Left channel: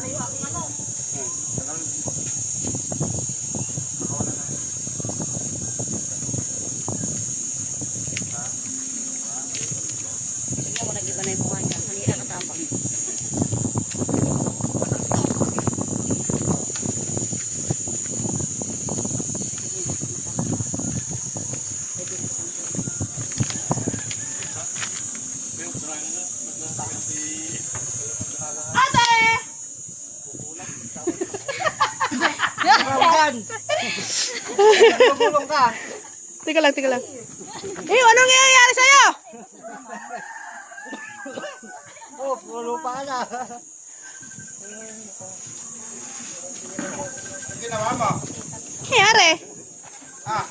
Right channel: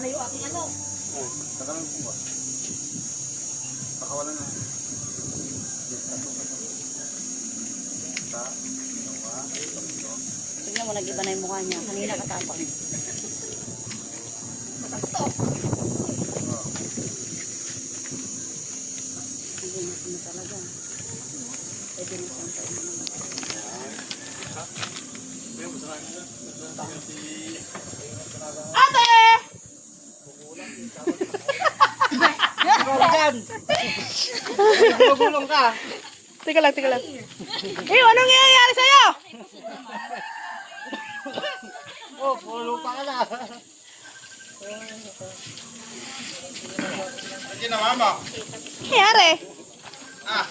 na yung aking ano. Tingnan mo, nag-iba na yung mukha niya. Kanina katapang. Ate! Magulong ka. Tika lang. Eh, anong nangyayari sa'yo? Oh, pulo pa ka na. Ang ginawa mo? Nangyayari? Ah,